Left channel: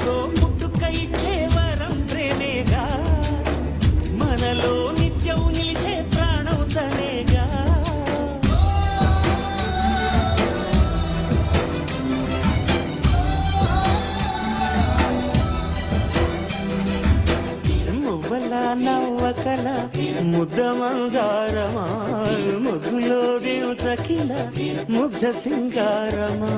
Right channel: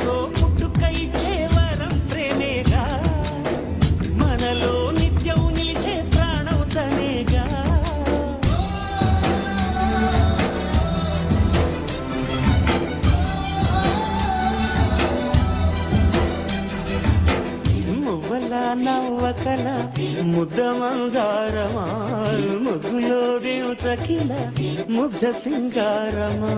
మనకో ముట్టుకై చేవరం ప్రేమేగా? మనలో నిత్యం నిలిచే ప్రాణం తనేగా మువ్వల నవ్వకల ముద్ద మందారమా? ముగ్గులో దిల్చకిల ముగ్ధ సింగారమా?